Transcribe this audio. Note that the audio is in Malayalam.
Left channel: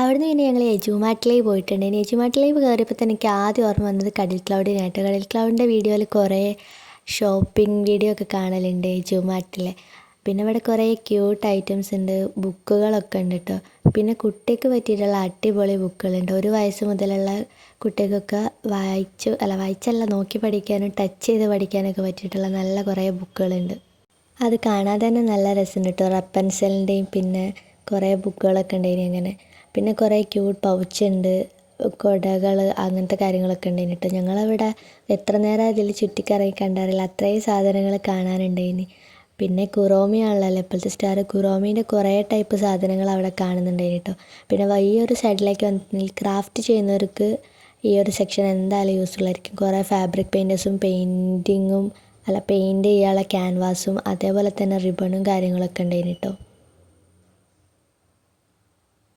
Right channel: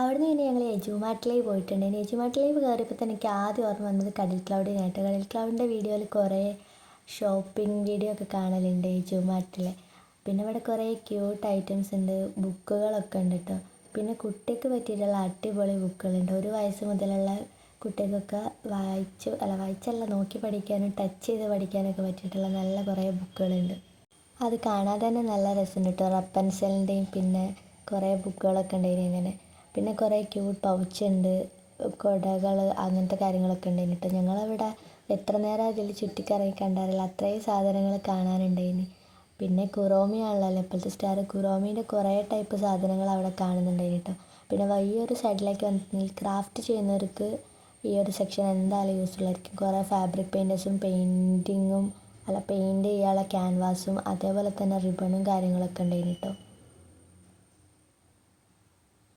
അവിടുന്ന് പിന്നെ ഞങ്ങൾ എജുമാട്ടിലേക്ക് പോയിട്ടുണ്ടായിരുന്നു. എജുമാട്ടിലേക്ക് കയറിയപ്പോൾ തന്നെ എനിക്ക് ആദ്യം ഓർമ്മ വന്നത് കടൽ ക്ലൗഡിനായിട്ട്. കടൽ ക്ലൗഡിൻ്റെ വീഡിയോയിൽ കുറേ ഷോപ്പിംഗ് വീഡിയോ ഒക്കെ കാണലുണ്ട് എജുമാർട്ടിലെ. പിന്നെ ഇവിടെ കുറേ ക്യൂട്ട് ഐറ്റംസ് ഉണ്ട്, ബുക്കുകളൊക്കെ ഉണ്ട് കേട്ടോ. പിന്നെ കുട്ടിക്ക് പറ്റിയിട്ടുള്ള അടിപൊളി ബുക്കുകളുണ്ട്. 1 വയസ്സ് മുതലുള്ള കുട്ടികൾക്കൊക്കെ വായിച്ചല്ല നോക്കി പഠിക്കാനും ടച്ച് ചെയ്ത് പഠിക്കാനൊക്കെ പറ്റിയിട്ടുള്ള നല്ല കുറേ ബുക്കുകളുണ്ട്. അത് കാണാൻ തന്നെ നല്ല രസമുണ്ട് കേട്ടോ. റപ്പൻസലിൻ്റെയും പിന്നെ കുറേ ബുക്കുകളൊക്കെ ഉണ്ടായിന് അങ്ങനെ. പിന്നെ കുറേ ക്യൂട്ട് പൗച്ചുണ്ട്, കുടകൾ, അങ്ങനത്തെ കാര്യങ്ങളൊക്കെ ഉണ്ടായിന് കേട്ടോ. ഞങ്ങളവിടെ എത്ര നേരം അതിൽ ചുറ്റിക്കറങ്ങി കണ്ടറിയില്ല, അത്രയും സാധനങ്ങൾ കാണാനുണ്ടായിന്. പിന്നെ കുറോമിയാണല്ലോ ഇപ്പോഴത്തെ സ്റ്റാർ. കുറോമീൻ്റെ കുറേ ടൈപ്പ് സാധനങ്ങൾ അവിടെ കാണുന്നുണ്ടായിന് കേട്ടോ. പിന്നെ ഈ ഒരു സൈഡിലേക്ക് വന്നിട്ടുണ്ടെങ്കിൽ ക്രാഫ്റ്റ് ചെയ്യുന്നവർക്ക് ഈ ഒരു സെക്ഷൻ എന്തായാലും യൂസ്ഫുൾ ആയിരിക്കും. കുറേ ഫാബ്രിക് പെയിൻറ്റേഴ്സും പെയിൻറ്റ് ചെയ്യാനുള്ള ക്യാൻവാസും അതേപോലെ തന്നെ റിബണും കാര്യങ്ങളൊക്കെ ഉണ്ടായിന് കേട്ടോ.